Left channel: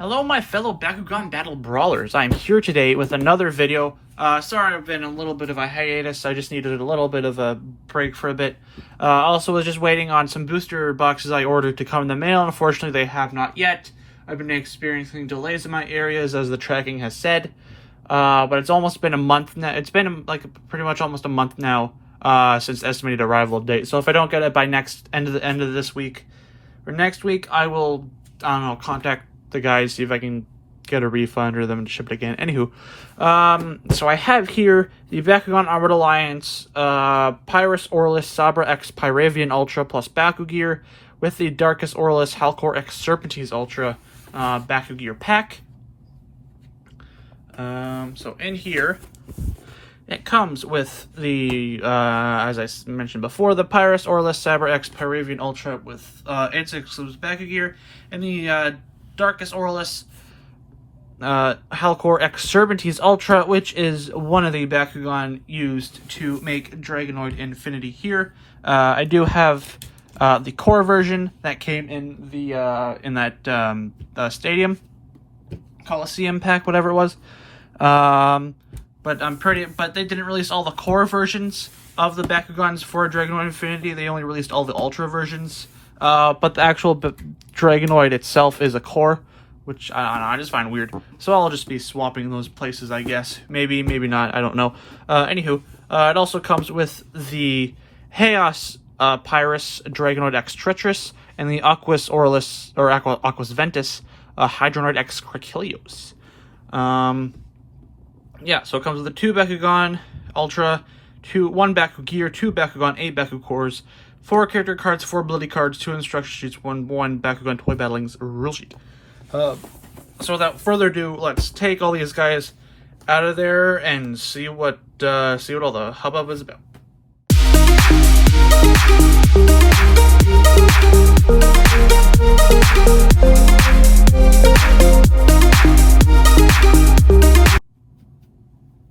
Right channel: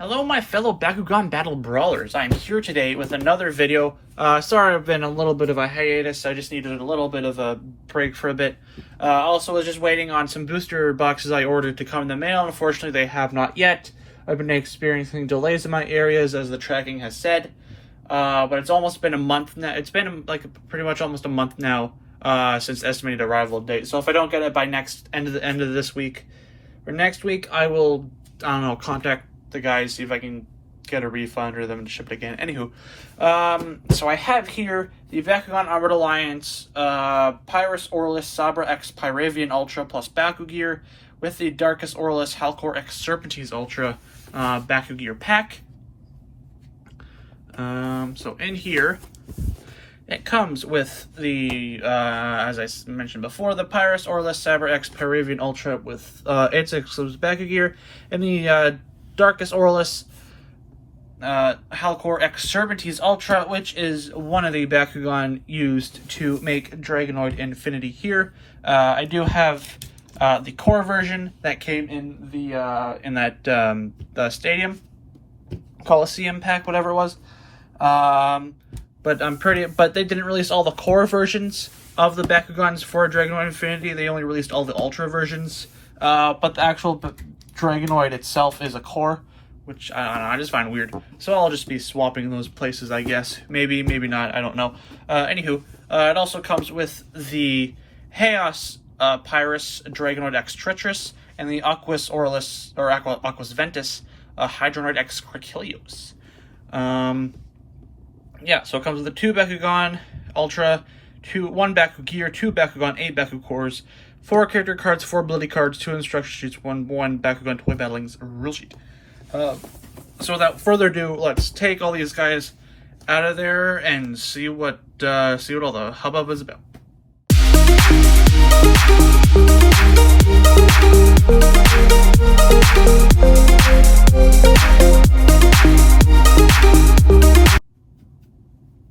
Hello my fellow Bakugan Battle Brawlers, I'm here today with another video. Sorry I've been a little bit of a hiatus, I just needed a little bit of a break for a bit. Also was just waiting on some booster boxes I ordered to come in the mail. Unfortunately they have not yet. I've been experiencing delays in my areas as the tracking has said. But it's almost been a month now. It's been like pretty much almost a month now since estimated arrival date. So if I don't get it by end of this week or next week, I will, I don't know, contact the guys, see if I can get a refund or them to ship it again. Anywho, so I have here the Bakugan Armored Alliance PyrusAurelus SABRAxPYRAVIAN Ultra plus Baku-Gear with the DarkusAurelus HOWLKORxSERPENTEZE Ultra Baku-Gear pack. So in here, it comes with the, as I mentioned before, the PyrusAurelus SABRAxPYRAVIAN Ultra with its exclusive Baku-Gear, and the DarkusAurelus HOWLKORxSERPENTEZE Ultra, which is one of the Bakugan used to make Dragonoid Infinity here. I do have the core version that came in the stadium Coliseum pack, whatever it was. But they didn't release all the core versions of the Bakugans for Dragonoid Infinity. They only released all the Ultra versions. But the actual Dragonoid itself is a core, which I don't know, I just find weird. So I'll just be swapping those places, I guess. Maybe, maybe not, I don't know. Anywho, it also comes with the Chaos Pyrus Dragonoid X Treacherous and the AquasAurelus, or Aquas Ventus Hydronoid X Crachilios. Yeah, so it comes with the 2 Bakugan Ultra, 1 Baku-Gear, 2 Bakugan, 8 Baku Cores, 4 character cards, 4 ability cards, 2 instruction sheets, 1 Bakugan Toy Battling's rule sheet. So without further ado, let's take all these guys out of there and see what all the hubbub is about.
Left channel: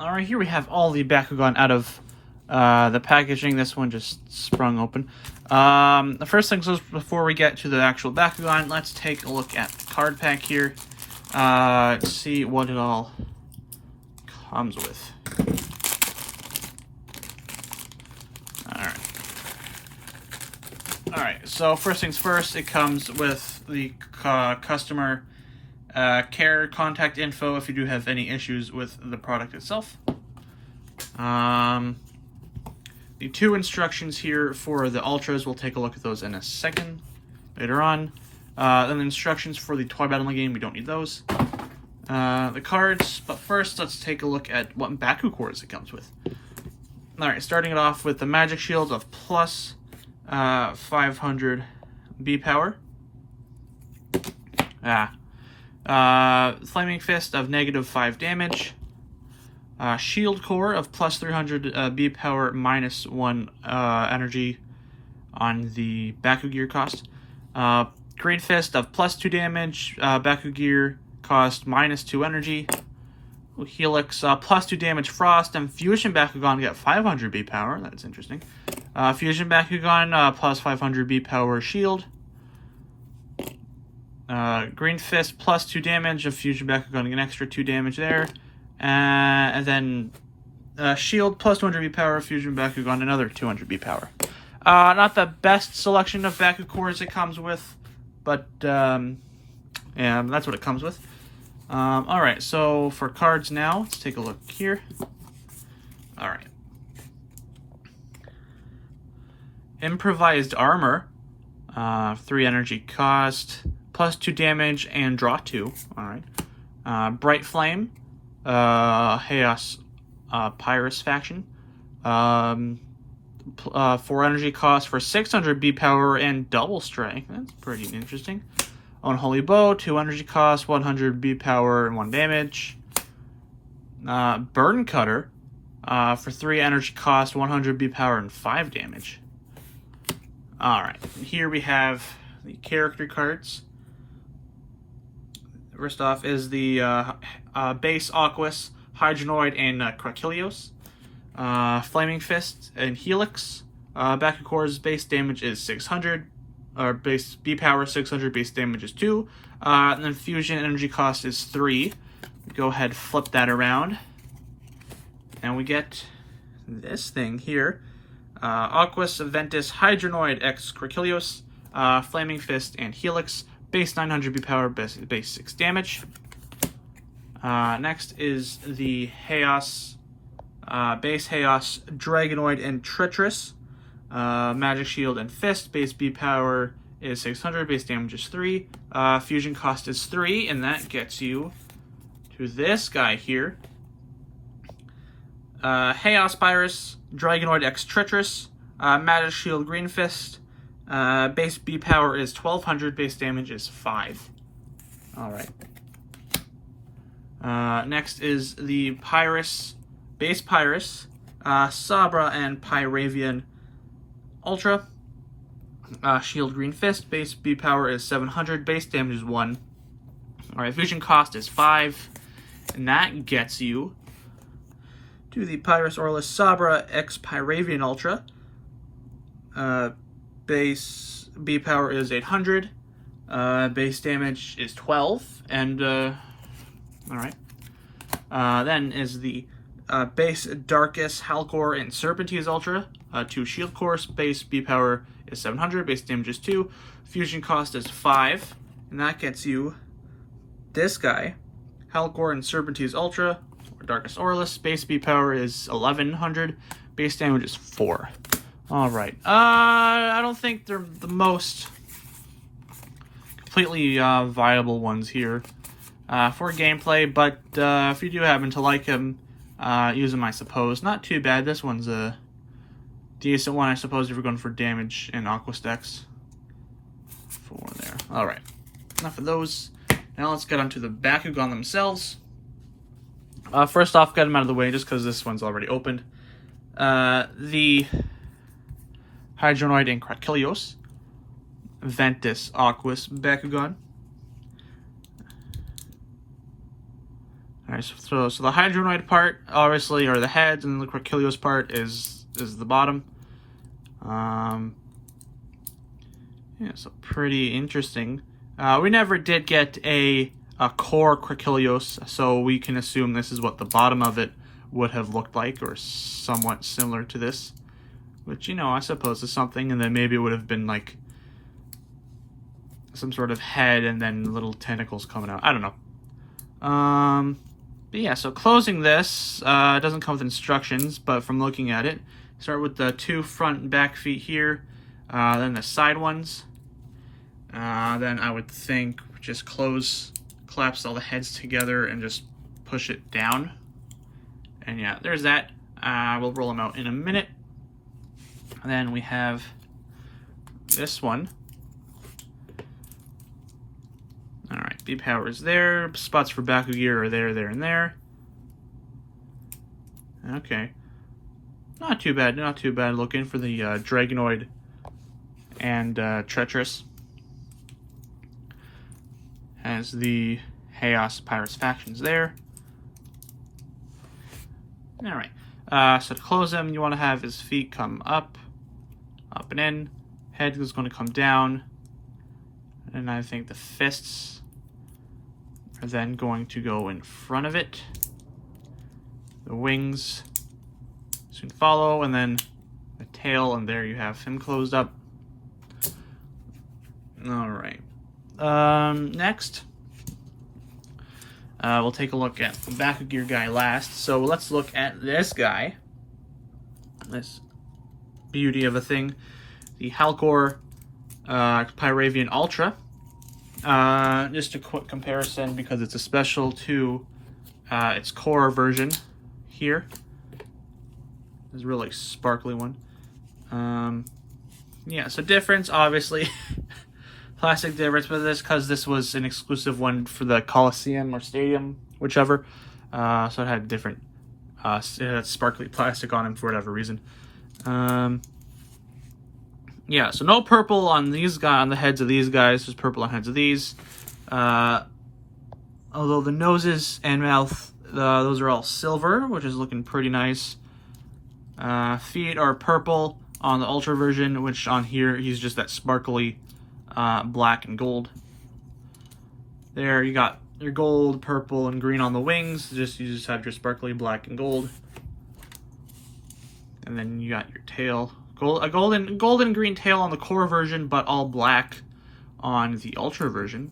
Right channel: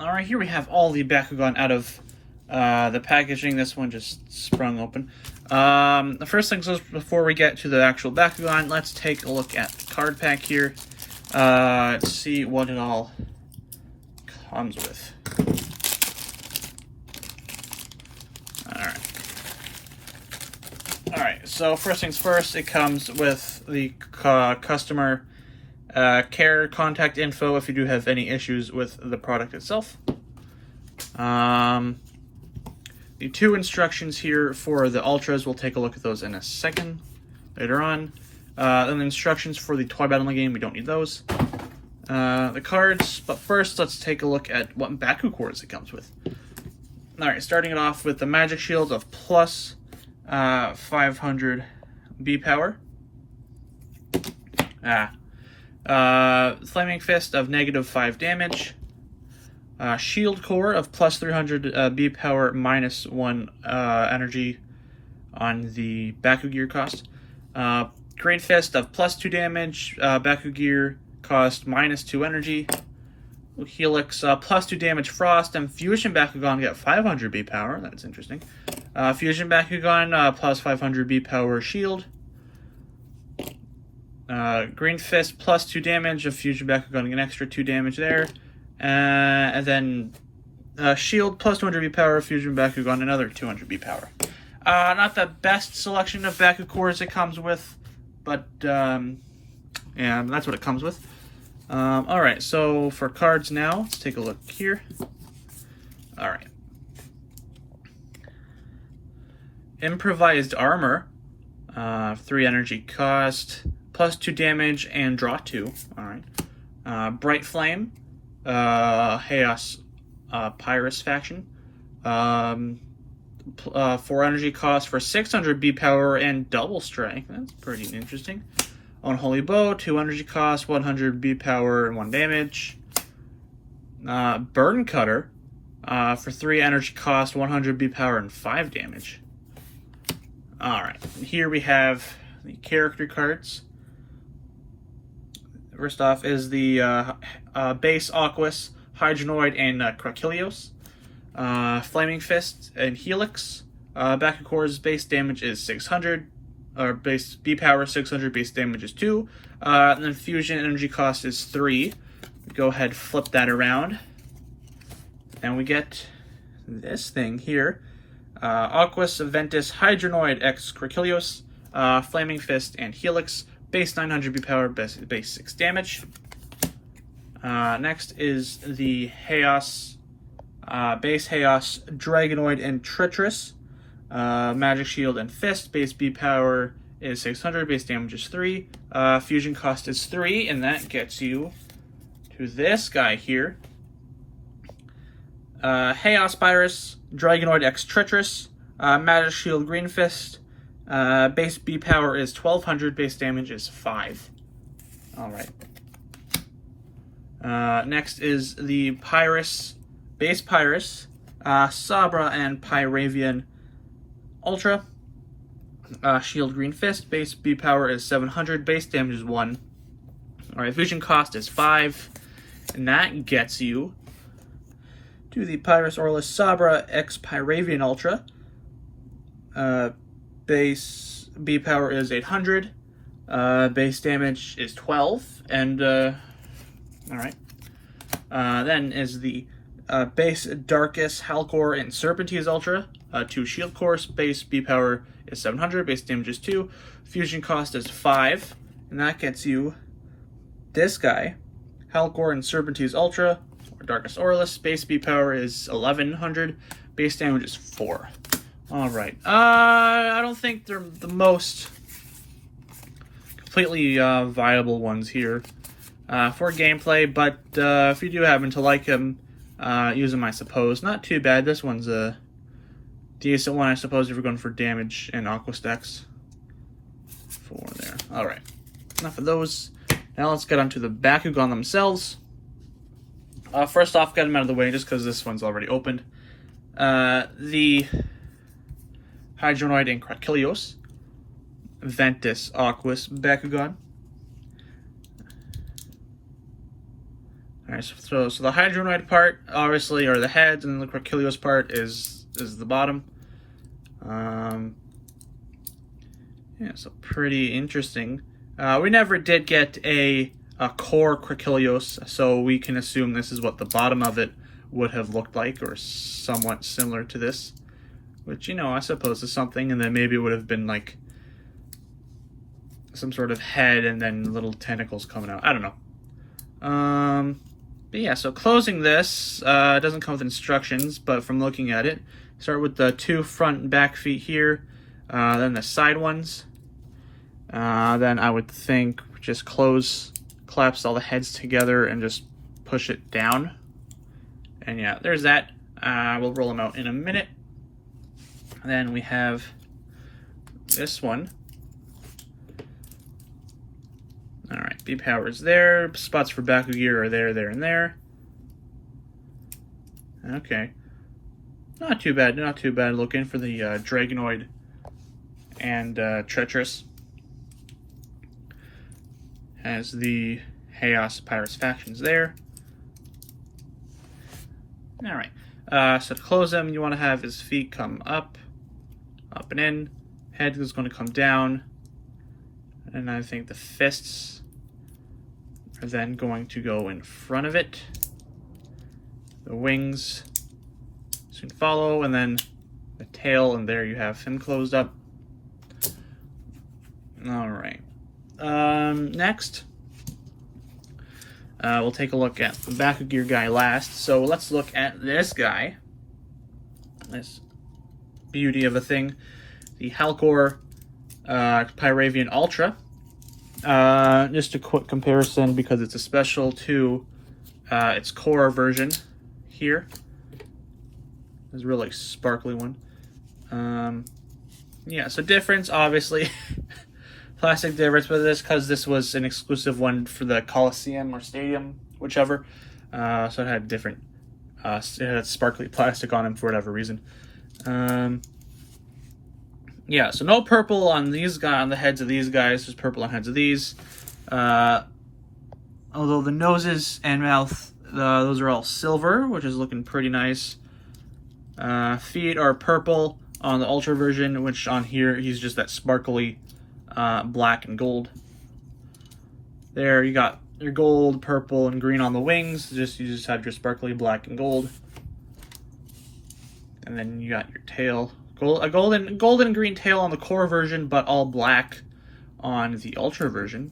Alright, here we have all the Bakugan out of the packaging. This one just sprung open. The first things is, before we get to the actual Bakugan, let's take a look at the card pack here. Let's see what it all comes with. Alright, so first things first, it comes with the customer care contact info if you do have any issues with the product itself. The 2 instructions here for the Ultras, we'll take a look at those in a second, later on. Then the instructions for the Toy Battling game, we don't need those. The cards, but first let's take a look at what Baku cores it comes with. Alright, starting it off with the Magic Shield of plus 500 B power. Flaming Fist of negative 5 damage. Shield Core of plus 300 B power minus 1 energy on the Baku-Gear cost. Green Fist of plus 2 damage, Baku-Gear cost minus 2 energy. Helix plus 2 damage Frost, and Fusion Bakugan get 500 B power, that's interesting. Fusion Bakugan plus 500 B power shield. Green Fist plus 2 damage of Fusion Bakugan, an extra 2 damage there. And then Shield plus 200 B power, Fusion Bakugan, another 200 B power. Not the best selection of Baku cores it comes with, but yeah, that's what it comes with. Alright, so for cards now, let's take a look here. Alright. Improvised Armor, 3 energy cost, plus 2 damage, and draw 2. Alright. Bright Flame, Chaos Pyrus faction, 4 energy cost for 600 B power and double strength. That's pretty interesting. Unholy Bow, 2 energy cost, 100 B power and 1 damage. Burn Cutter, for 3 energy cost, 100 B power and 5 damage. Alright, here we have the character cards. First off is the base Aquas, Hydronoid, and Crachilios. Flaming Fist and Helix. Baku Core's base damage is 600. Or base B power 600, base damage is 2. And then fusion energy cost is 3. Go ahead, flip that around. And we get this thing here. Aquas Ventus Hydronoid X Quirkilios, Flaming Fist, and Helix. Base 900 B power, base 6 damage. Next is the Chaos, base Chaos Dragonoid and Treacherous. Magic Shield and Fist. Base B power is 600, base damage is 3. Fusion cost is 3, and that gets you to this guy here. Chaos Pyrus, Dragonoid X Treacherous, Magic Shield Green Fist. Base B power is 1200, base damage is 5. Alright. Next is the Pyrus, base Pyrus, Sabra and Pyravian Ultra. Shield Green Fist, base B power is 700, base damage is 1. Alright, fusion cost is 5, and that gets you to the PyrusAurelus Sabra X Pyravian Ultra. Base B power is 800, base damage is 12, and alright. Then is the base Darkus, HOWLKORxSERPENTEZE Ultra. 2 shield course, base B power is 700, base damage is 2, fusion cost is 5, and that gets you this guy, HOWLKORxSERPENTEZE Ultra, or DarkusAurelus. Base B power is 1100, base damage is 4. Alright, I don't think they're the most completely viable ones here for gameplay, but if you do happen to like them, use them, I suppose. Not too bad. This one's a decent one, I suppose, if you're going for damage and aqua stacks. 4 there. Alright, enough of those. Now let's get onto the Bakugan themselves. First off, get them out of the way just because this one's already opened. The Hydronoid and Quirkilios, Ventus Aquas Bakugan. Alright, so the Hydronoid part, obviously, are the heads, and the Quirkilios part is the bottom. Yeah, so pretty interesting. We never did get a core Quirkilios, so we can assume this is what the bottom of it would have looked like, or somewhat similar to this. Which, you know, I suppose is something, and then maybe it would have been like some sort of head and then little tentacles coming out. I don't know. But yeah, so closing this, it doesn't come with instructions, but from looking at it, start with the 2 front and back feet here, then the side ones. Then I would think just collapse all the heads together and just push it down. And yeah, there's that. We'll roll them out in a minute. Then we have this one. Alright, B power is there. Spots for Baku-Gear are there, there, and there. Okay. Not too bad, not too bad looking for the Dragonoid and Treacherous. Has the Chaos Pyrus factions there. Alright. So to close them, you want to have his feet come up and in. Head is going to come down. And I think the fists are then going to go in front of it. The wings soon follow, and then the tail, and there you have him closed up. Alright. Next, we'll take a look at the Baku-Gear guy last. So let's look at this guy. This beauty of a thing. The HOWLKORxPYRAVIAN Ultra. Just a quick comparison because it's a special to its core version here. This really sparkly one. Yeah, so difference, obviously. Plastic difference with this because this was an exclusive one for the Coliseum or Stadium, whichever. So it had different, it had sparkly plastic on him for whatever reason. Yeah, so no purple on these guys, on the heads of these guys. There's purple on heads of these. Although the noses and mouth, those are all silver, which is looking pretty nice. Feet are purple on the Ultra version, which on here he's just that sparkly black and gold. There you got your gold, purple, and green on the wings. You just have your sparkly black and gold. And then you got your tail. A golden and green tail on the core version, but all black on the Ultra version.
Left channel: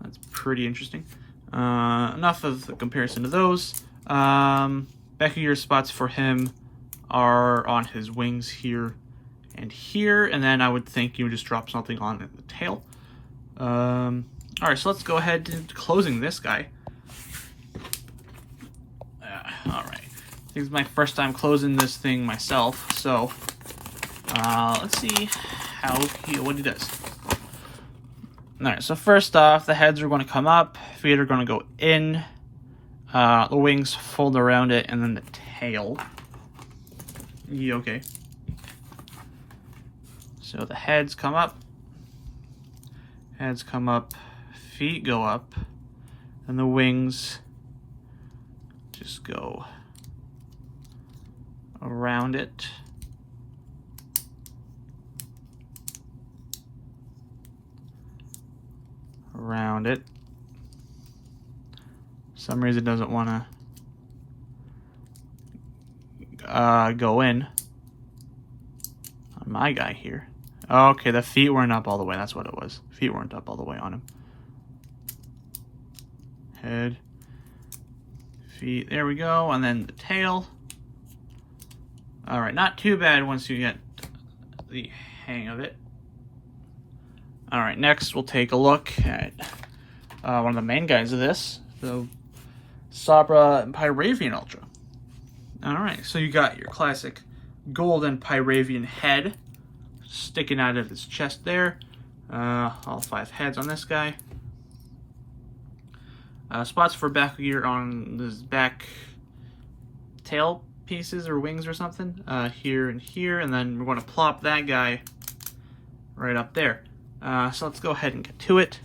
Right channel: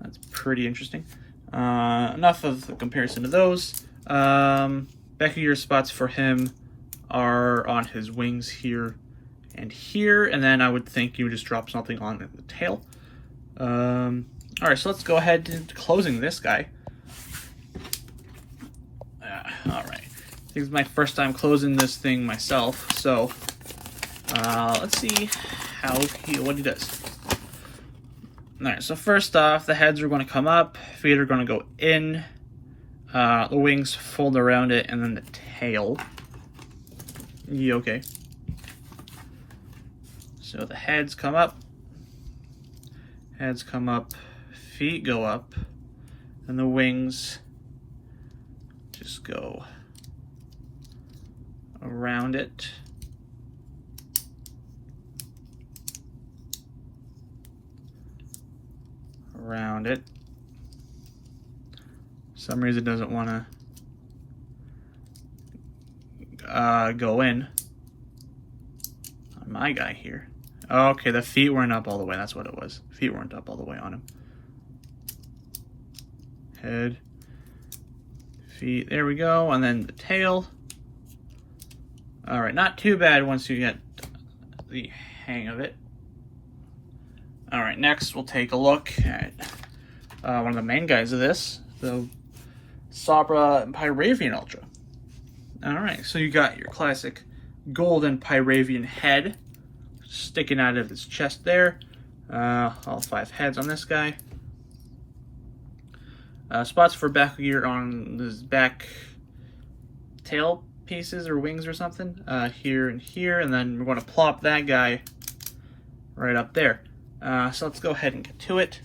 That's pretty interesting. Enough of the comparison to those. Baku-Gear spots for him are on his wings here and here, and then I would think you would just drop something on the tail. Alright, so let's go ahead into closing this guy. Alright, I think it's my first time closing this thing myself, so let's see what he does. Alright, so first off, the heads are going to come up, feet are going to go in, the wings fold around it, and then the tail. Yeah, okay. So the heads come up, feet go up, and the wings just go around it. For some reason it doesn't want to go in on my guy here. Okay, the feet weren't up all the way. That's what it was. Feet weren't up all the way on him. Head, feet, there we go. And then the tail. All right, not too bad once you get the hang of it. All right, next we'll take a look at one of the main guys of this, the SABRAxPYRAVIAN Ultra. All right, so you got your classic golden Pyravian head sticking out of his chest there. All 5 heads on this guy. Spots for Baku-Gear on his back tail pieces or wings or something. Here and here, and then we're going to plop that guy right up there. So let's go ahead and get to it.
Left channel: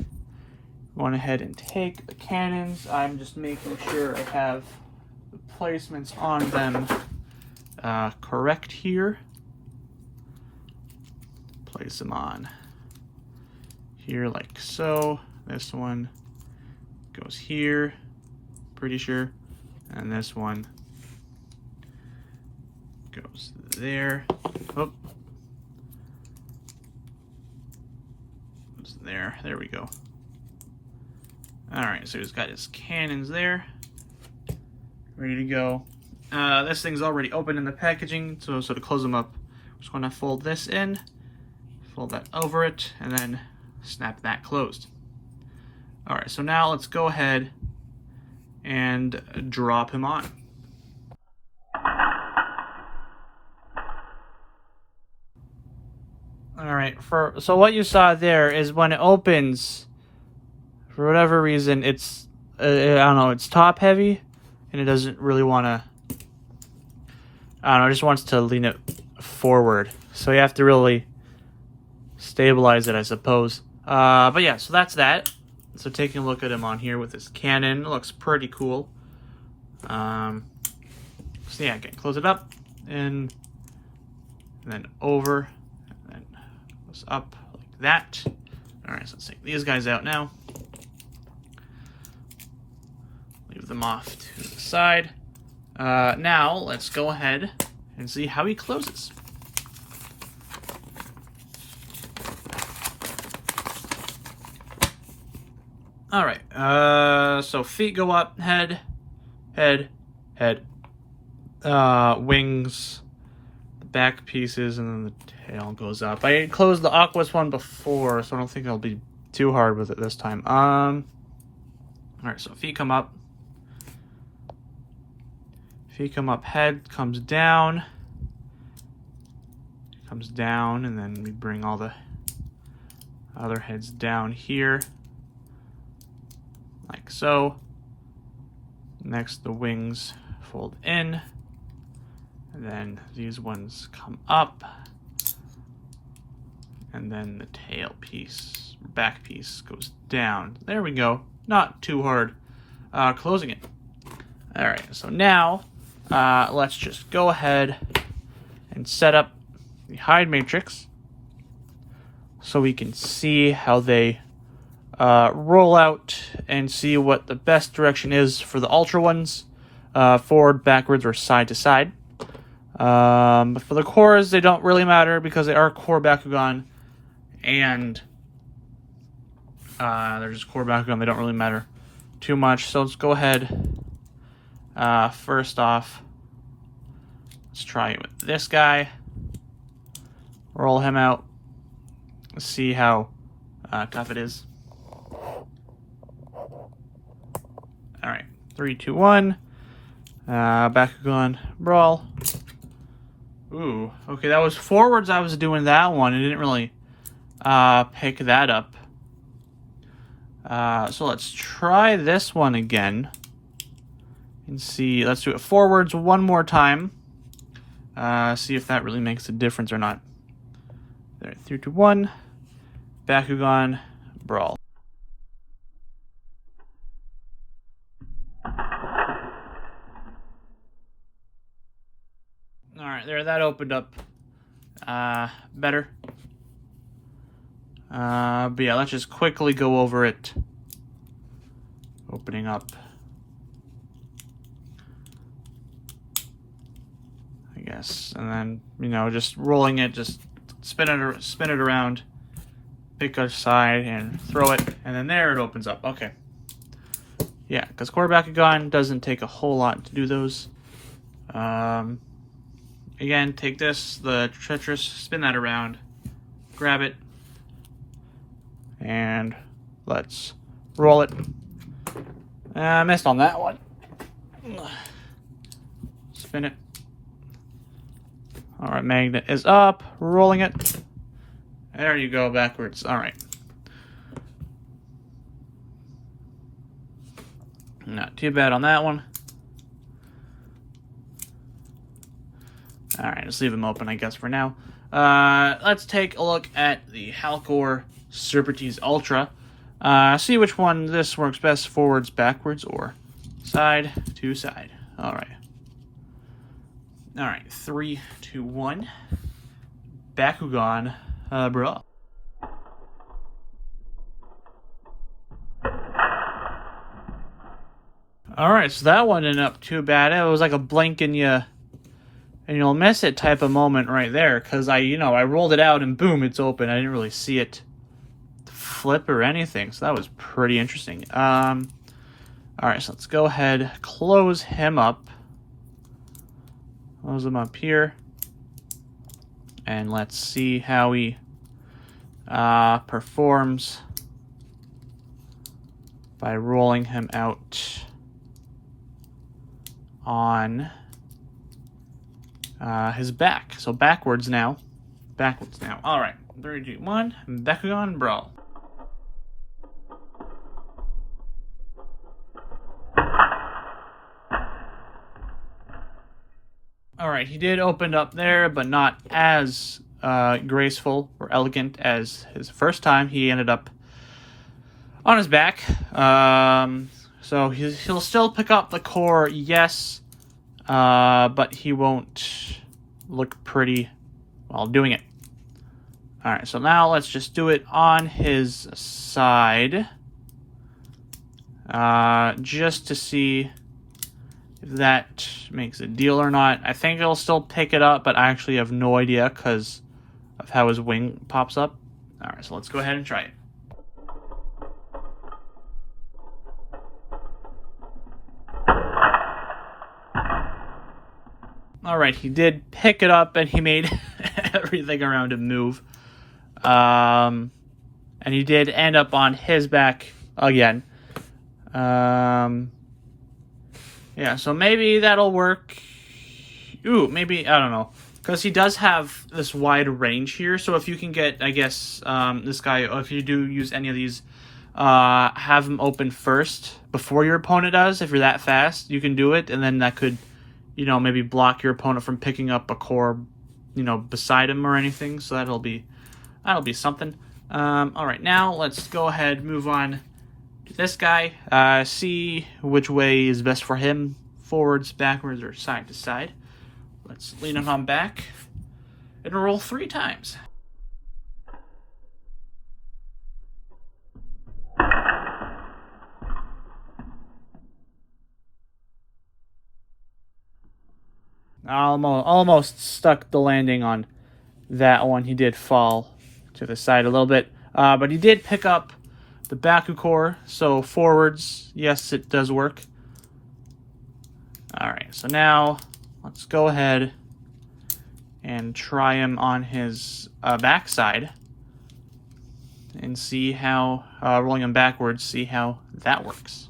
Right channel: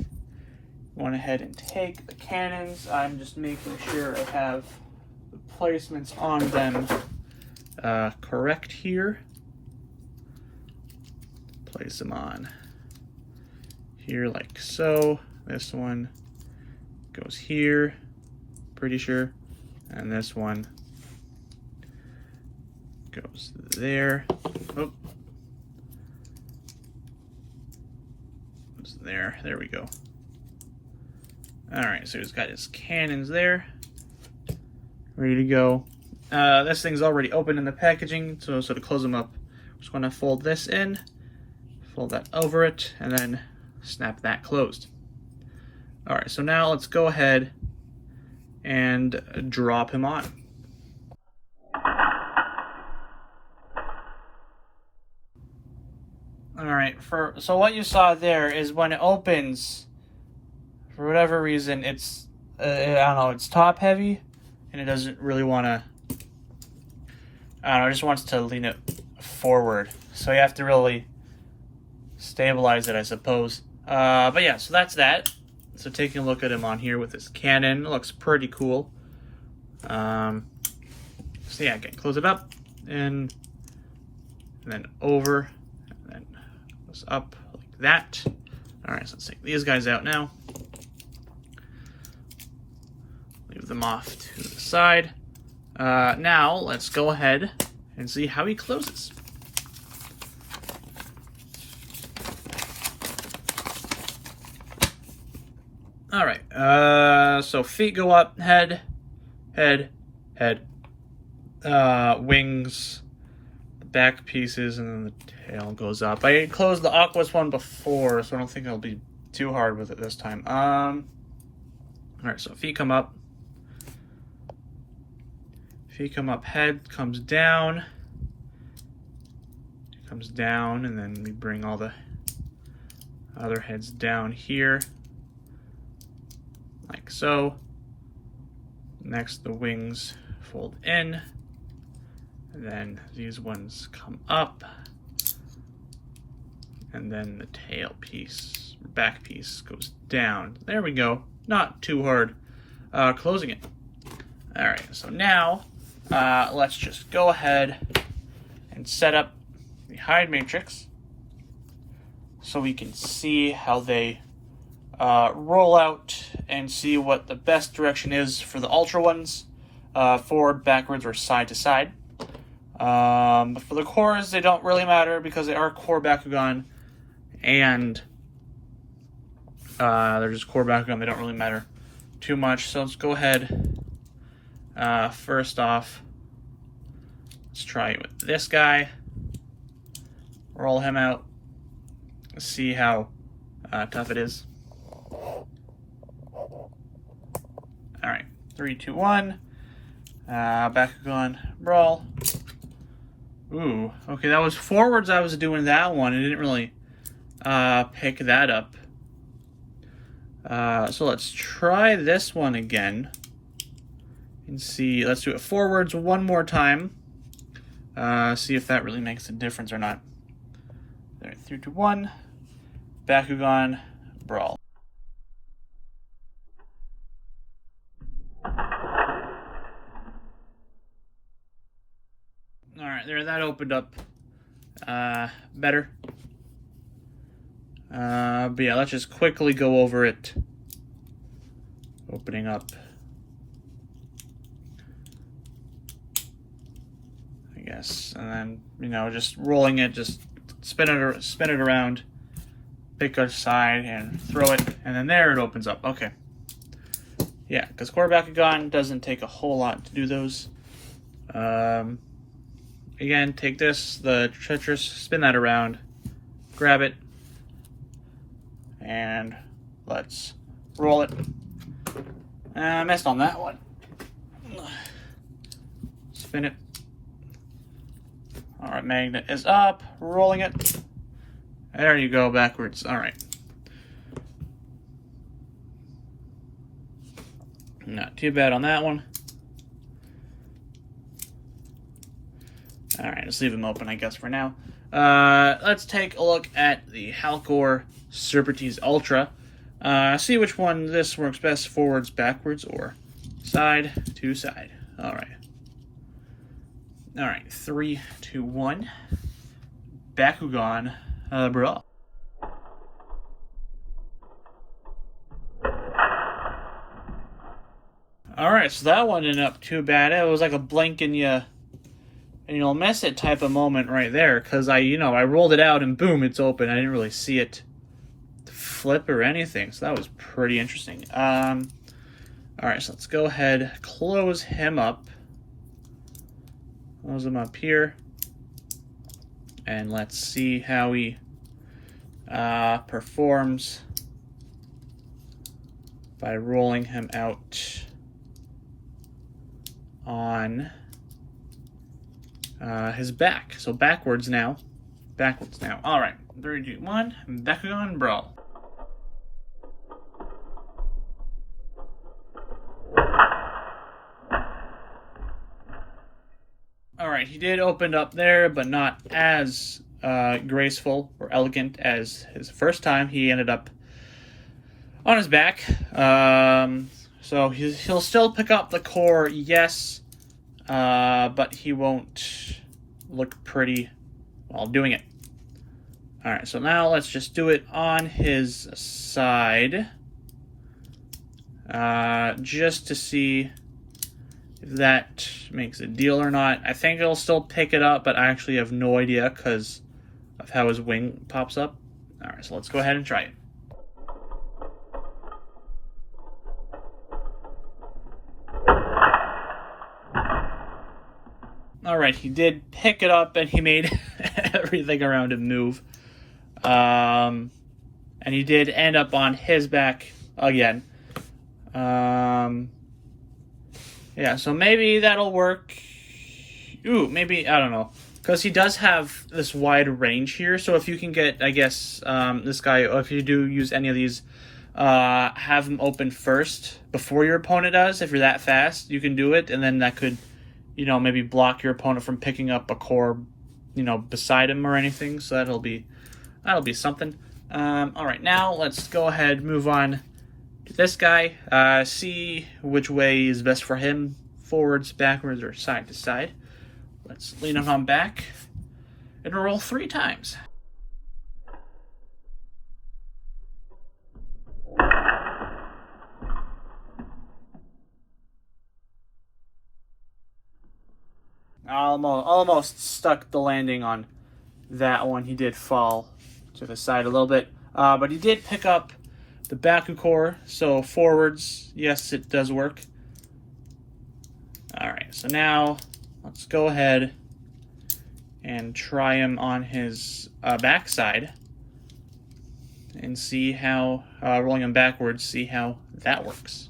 Went ahead and take the cannons. I'm just making sure I have the placements on them correct here. Place them on here like so. This one goes here, pretty sure, and this one goes there. Oh. There we go. Alright, so he's got his cannons there, ready to go. This thing's already open in the packaging, so to close them up, I'm just going to fold this in, fold that over it, and then snap that closed. Alright, so now let's go ahead and drop him on. Alright, so what you saw there is when it opens, for whatever reason, it's, I don't know, it's top heavy, and it doesn't really want to, I don't know, it just wants to lean it forward. So you have to really stabilize it, I suppose. But yeah, so that's that. So taking a look at him on here with his cannon, looks pretty cool. So yeah, again, close it up, and then over, and then goes up like that. Alright, so let's take these guys out now. Leave them off to the side. Now, let's go ahead and see how he closes. Alright, so feet go up, head, wings, the back pieces, and then the tail goes up. I closed the Aquas one before, so I don't think I'll be too hard with it this time. Alright, so feet come up. Feet come up, head comes down, and then we bring all the other heads down here, like so. Next, the wings fold in, and then these ones come up, and then the tail piece, back piece goes down. There we go. Not too hard closing it. Alright, so now let's just go ahead and set up the hide matrix so we can see how they roll out and see what the best direction is for the ultra ones, forward, backwards, or side to side. But for the cores, they don't really matter because they are core Bakugan, and they're just core Bakugan. They don't really matter too much. So let's go ahead. First off, let's try it with this guy. Roll him out. Let's see how tough it is. Alright, 3, 2, 1. Bakugan Brawl. Ooh, okay, that was forwards. I was doing that one. I didn't really pick that up. So let's try this one again. And see, let's do it forwards one more time. See if that really makes a difference or not. There, 3, 2, 1. Bakugan Brawl. Alright, there, that opened up better. But yeah, let's just quickly go over it. Opening up, I guess, and then, you know, just rolling it, just spin it around, pick a side and throw it, and then there it opens up. Okay. Yeah, because core Bakugan doesn't take a whole lot to do those. Again, take this, the Tetris, spin that around, grab it, and let's roll it. I missed on that one. Spin it. Alright, magnet is up, rolling it. There you go, backwards. Alright. Not too bad on that one. Alright, let's leave them open, I guess, for now. Let's take a look at the HOWLKORxSERPENTEZE Ultra. See which one this works best, forwards, backwards, or side to side. Alright. Alright, 3, 2, 1. Bakugan Brawl. Alright, so that one didn't up too bad. It was like a blink and you'll miss it type of moment right there, because I rolled it out and boom, it's open. I didn't really see it flip or anything, so that was pretty interesting. Alright, so let's go ahead, close him up. Close him up here. And let's see how he performs by rolling him out on his back. So backwards now. Backwards now. Alright, 3, 2, 1. Bakugan Brawl. Alright, he did open up there, but not as graceful or elegant as his first time. He ended up on his back. So he'll still pick up the core, yes, but he won't look pretty while doing it. Alright, so now let's just do it on his side. Just to see if that makes a deal or not. I think it'll still pick it up, but I actually have no idea because of how his wing pops up. Alright, so let's go ahead and try it. Alright, he did pick it up and he made everything around him move. And he did end up on his back again. Yeah, so maybe that'll work. Ooh, maybe, I don't know. Because he does have this wide range here, so if you can get, I guess, this guy, if you do use any of these, have him open first before your opponent does. If you're that fast, you can do it, and then that could, maybe block your opponent from picking up a core, beside him or anything, so that'll be something. Alright, now let's go ahead, move on to this guy, see which way is best for him, forwards, backwards, or side to side. Let's lean him on back and roll 3 times. almost stuck the landing on that one. He did fall to the side a little bit, but he did pick up the Baku-Core, so forwards, yes, it does work. Alright, so now let's go ahead and try him on his backside and see how, rolling him backwards, see how that works.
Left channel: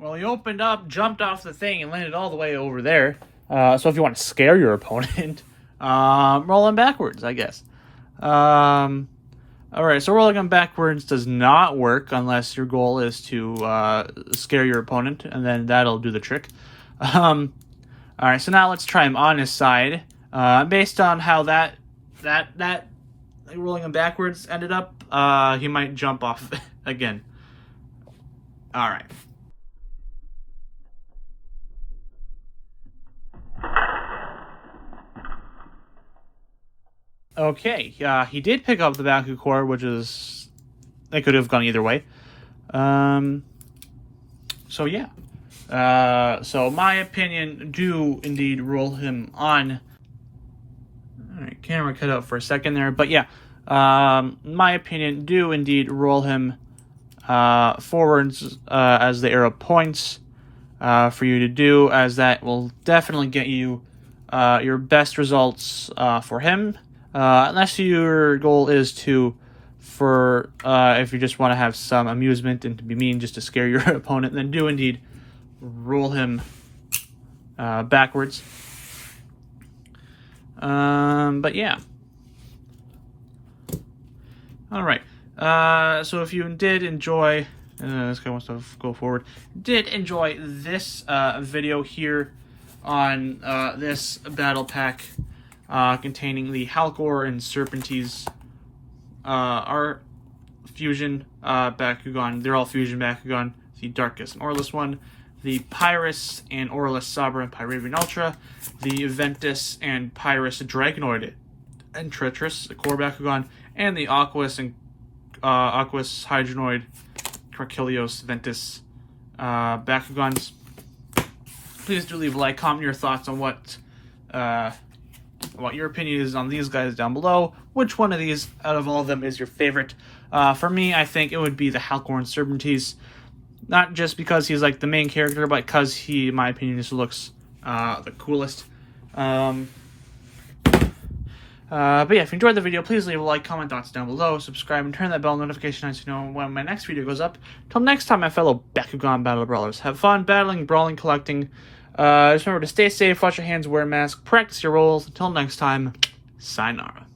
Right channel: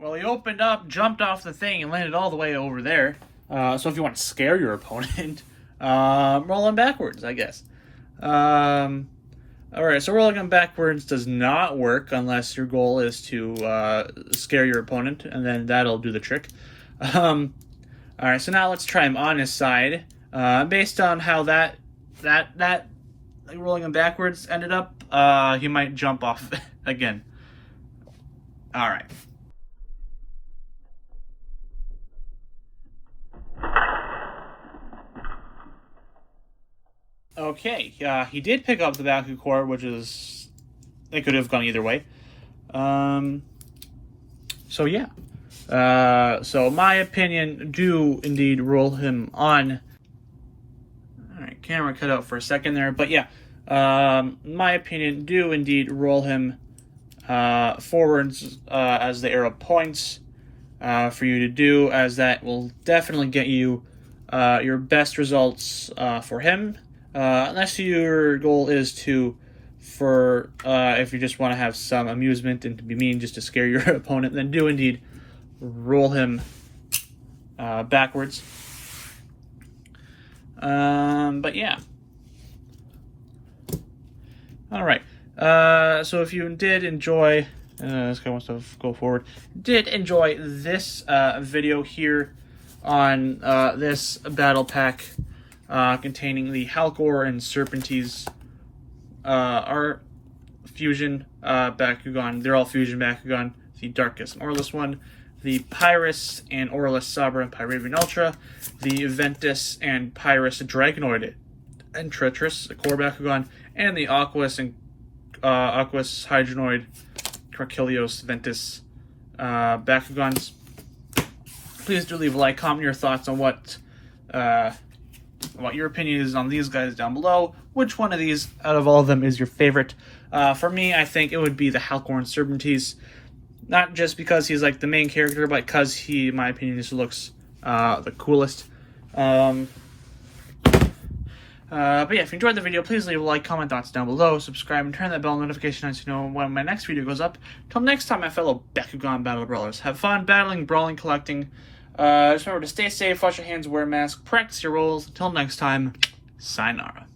Well, he opened up, jumped off the thing, and landed all the way over there. So if you want to scare your opponent, roll him backwards, I guess. Alright, so rolling him backwards does not work unless your goal is to scare your opponent, and then that'll do the trick. Alright, so now let's try him on his side. Based on how that rolling him backwards ended up, he might jump off again. Alright. Okay, he did pick up the Baku-Core, which is... It could have gone either way. So yeah. So my opinion, do indeed roll him on. Alright, camera cut out for a second there, but yeah. My opinion, do indeed roll him forwards as the arrow points for you to do, as that will definitely get you your best results for him. Unless your goal is to, if you just want to have some amusement and to be mean just to scare your opponent, then do indeed roll him backwards. But yeah. Alright. So if you did enjoy, this guy wants to go forward, did enjoy this video here on this battle pack, containing the HOWLKORxSERPENTEZE art fusion Bakugan. They're all fusion Bakugan. The DarkusAurelus one, the Pyrus and Aurelus SABRAxPYRAVIAN Ultra, the Ventus and Pyrus Dragonoid and Tetris, the core Bakugan, and the Aquas and Aquas Hydronoid Crachilios Ventus Bakugans. Please do leave a like, comment your thoughts on what your opinion is on these guys down below. Which one of these out of all of them is your favorite? For me, I think it would be the HOWLKORxSERPENTEZE. Not just because he's like the main character, but because he, in my opinion, just looks the coolest. But yeah, if you enjoyed the video, please leave a like, comment thoughts down below, subscribe, and turn that bell notification on so you know when my next video goes up. Till next time, my fellow Bakugan Battle Brawlers, have fun battling, brawling, collecting. Just remember to stay safe, wash your hands, wear a mask, practice your rolls. Until next time, sayonara.